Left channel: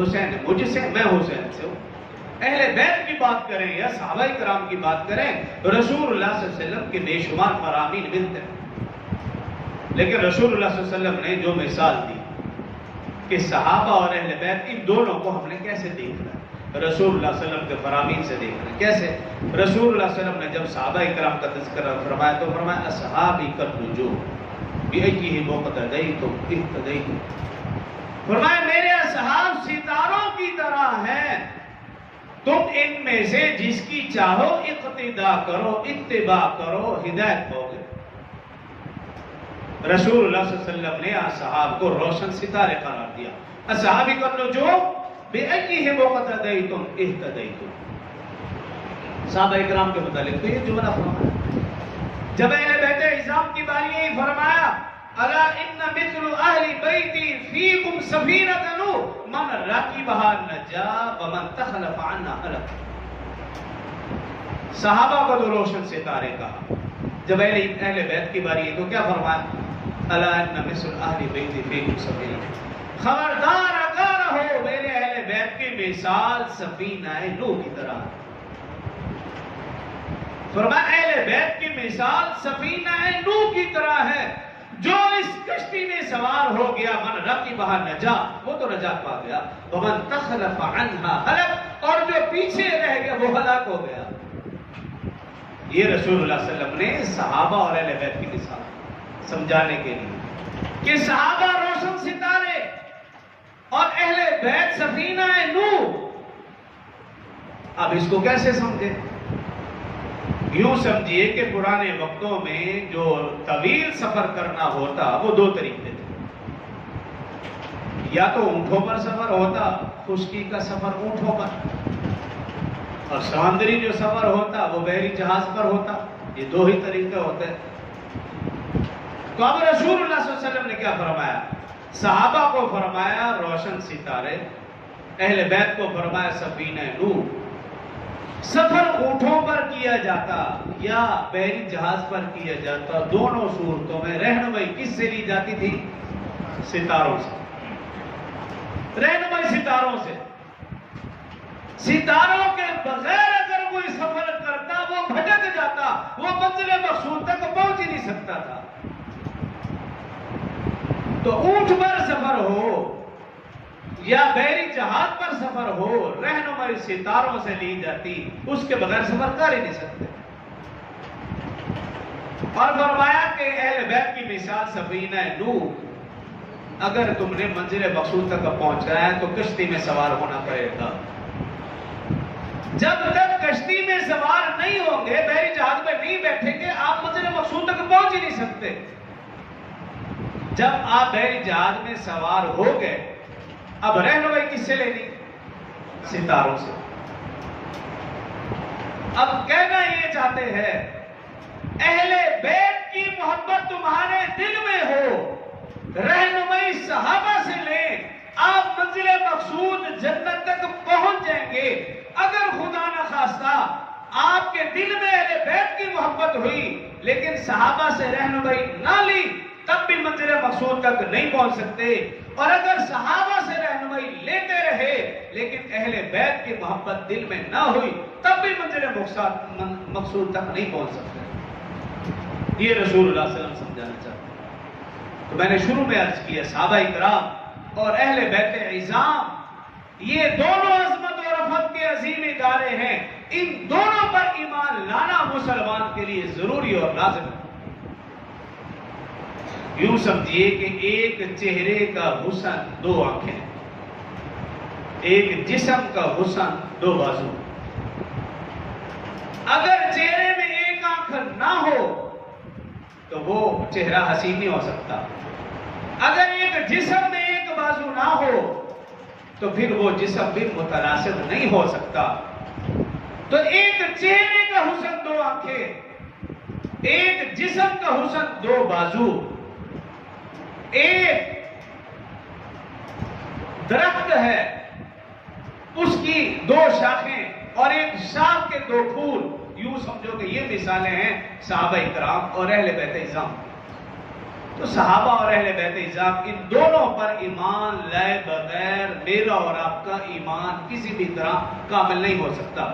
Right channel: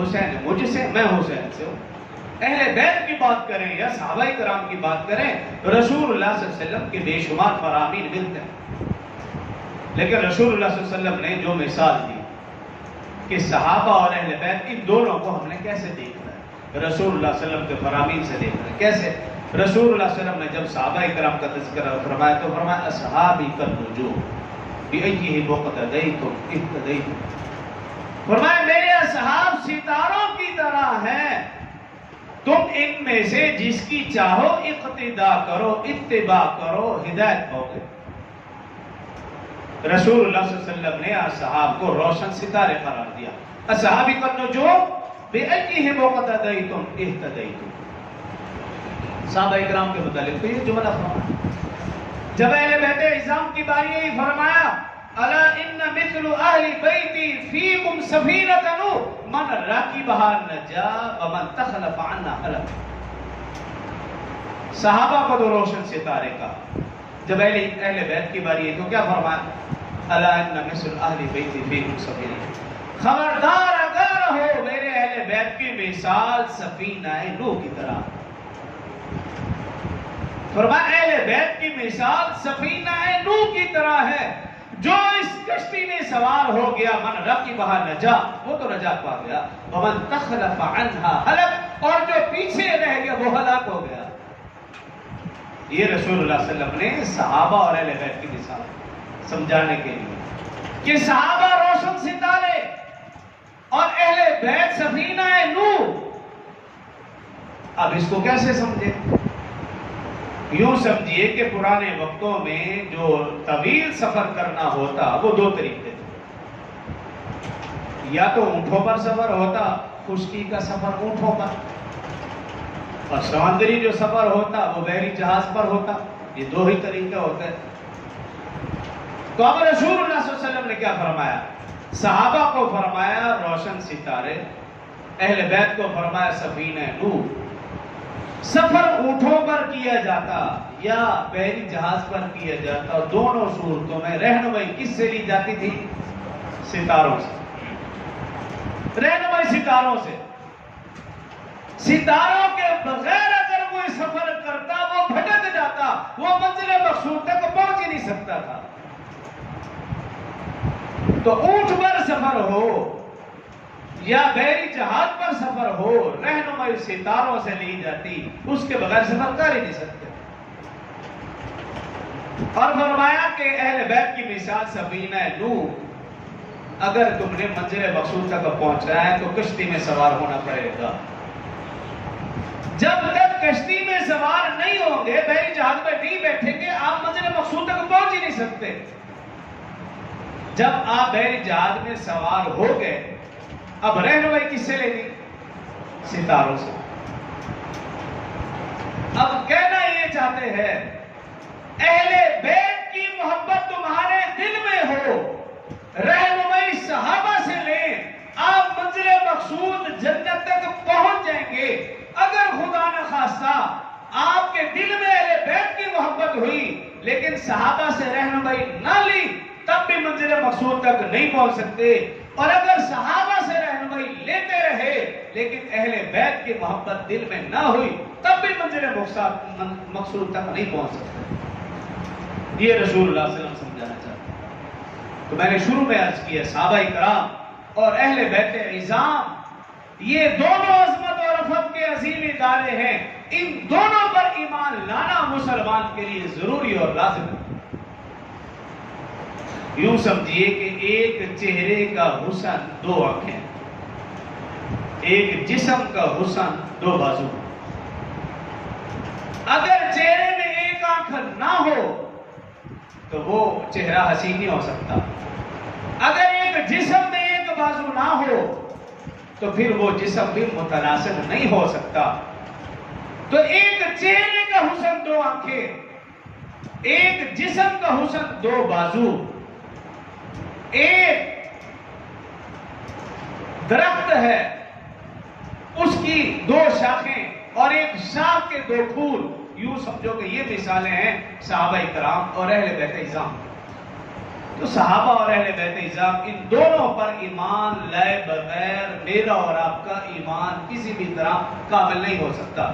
حسین مجھ سے، میں حسین سے ہوں. اہل بیت کی بات کریں یا صحابہ کرام کی بات کریں تو رسول اللہ صلی اللہ علیہ وسلم کے بے شمار فرامین ملتے ہیں. لیکن رسول اللہ صلی اللہ علیہ وسلم نے جو مثال دی کہ صحابہ اور اہل بیت ان دونوں کو ہم نے کیسے دیکھنا ہے، رسول اللہ صلی اللہ علیہ وسلم کے فرامین سے دیکھنا ہے. کیسے؟ رسول اللہ صلی اللہ علیہ وسلم نے جب صحابہ کرام کا تذکرہ فرمایا تو فرمایا اصحابی النجوم بأیہم اقتدیتم اہتدیتم. فرمایا میرے اصحاب ستاروں کی طرح ہیں، تم ان میں سے جس کی چاہو اقتداء کرو، اتباع کرو، ہدایت ہوگے. رسول اللہ صلی اللہ علیہ وسلم نے اصحاب کو روشن ستارے قرار دیا. اصحابی النجوم بأیہم اقتدیتم اہتدیتم. صحابہ کرام کے متعلق تو یہ جملہ فرمایا. جب اہل بیت عظام کی باری آئی فرمایا الا ان مثل اہل بیتی فیکم سفینۃ من راکبها نجا ومن تخلف عنها ہلک. صحابہ کو تو روشن ستارے کہا. جب اہل بیت کی باری آئی تو کیا فرمایا الا ان مثل اہل بیتی فیکم سفینۃ. خبردار اگر ہو میرے اہل بیت کی مثال سفینہ نوح کی طرح. فرمایا اہل بیت کی مثال سفینہ نوح کی طرح ہے. جو اس کشتی میں سوار ہو گیا من رکبھا نجا، وہ تو نجات پا گیا، ومن تخلف عنہا ہلک، اور جو پیچھے رہ گیا وہ ہلاک ہو گیا. یہ رسول اللہ صلی اللہ علیہ وسلم نے صحابہ اور اہل بیت کی مثال سمجھانے کے لیے کہ صحابہ روشن ستارے اور اہل بیت سفینہ نوح. اب اس کو کیسے سمجھے؟ یوں سمجھیے کہ پرانے وقتوں میں جو طویل سفر کرنا ہوتا وہ دو طریقے تھے. یا تو اونٹوں پر سفر ہوتا، خشکی کا سفر اونٹوں پر، اور سمندری جو سفر ہوتا وہ بحری جہاز پر ہوتا. یہ دو ہی طریقے ہوتے. تو اب رسول اللہ صلی اللہ علیہ وسلم نے کیا فرمایا؟ صحابہ کو فرمایا روشن ستارے، اہل بیت کو فرمایا سفینہ نوح. سفر اونٹوں پر کیا جاتا یا بحری جہاز پر کیا جاتا، دونوں صورتوں میں رہنمائی کس سے لی جاتی تھی؟ ستاروں سے. رہنمائی ستاروں سے. ستاروں کے بغیر اگر کوئی سفر کرتا وہ بھٹک جاتا، وہ منزل مقصود تک پہنچ ہی نہیں سکتا تھا. تو اونٹ پر سفر ہو یا بحری جہاز پر سفر ہو، رہنمائی ستاروں سے لی جاتی، اس کے بغیر سفر کر ہی نہیں سکتے. اور فرمایا کہ اہل بیت کی مثال سفینہ نوح. اگر تم نے منزل مقصود تک پہنچنا ہے تو کشتی میں سوار ہونا پڑے گا. جب تک کشتی میں سوار نہیں ہوں گے، بحری جہاز میں نہیں بیٹھیں گے، آپ منزل مقصود تک پہنچ ہی نہیں سکتے. جب آپ بحری جہاز میں سوار ہو گئے، اب رہنمائی کس سے لینی؟ ستاروں سے. اب کہنا یہ چاہتے ہیں اہل بیت کی محبت تمہارے دل میں ہو، رہنمائی صحابہ سے لیں، آپ منزل مقصود جنت تک پہنچ جائیں گے. اگر خدا نخواستہ آپ کے دل میں اہل بیت کی محبت ہوئی لیکن صحابہ سے رہنمائی نہ لی، تب بھی منزل مقصود تک نہیں پہنچ سکتے. اور اگر صحابہ سے رہنمائی لیتے رہے لیکن اہل بیت کی محبت دل میں نہ ہوئی، تب بھی منزل مقصود تک نہیں پہنچ سکتے. یہ رسول اللہ صلی اللہ علیہ وسلم سمجھانا چاہتے ہیں. تو میں نے شروع میں عرض کیا صحابہ کرام اور اہل بیت عظام یہ دونوں عظمت اور رفعت کے عظیم ادارے ہیں. ان دونوں پر ایمان لانا مسلمان کے لیے ضروری اور لازم ہے. یوں سمجھیے کہ ایک چہرے کا حسن دو آنکھیں، ایک جسم کا حسن دو بازو. اگر چہرے میں ایک آنکھ نہ ہو تو وہ چہرہ حسین نہیں ہو سکتا. اگر ایک جسم میں ایک بازو نہ ہو تو پھر وہ جسم بھی متناسب نہیں ہو سکتا. تو ایک چہرے کا حسن دو آنکھیں، ایک جسم کا حسن دو بازو. ایک درخت ہے، اس کی دو شاخیں اور ایک شاخ کے دو پھول. یوں سمجھو کہ یہ مثالیں ہیں صحابہ کرام اور اہل بیت عظام. تو صحابہ اور اہل بیت اعظام ان دونوں پر ایمان لائے بغیر میرا اور آپ کا ایمان کسی بھی طرح کامل نہیں ہو سکتا.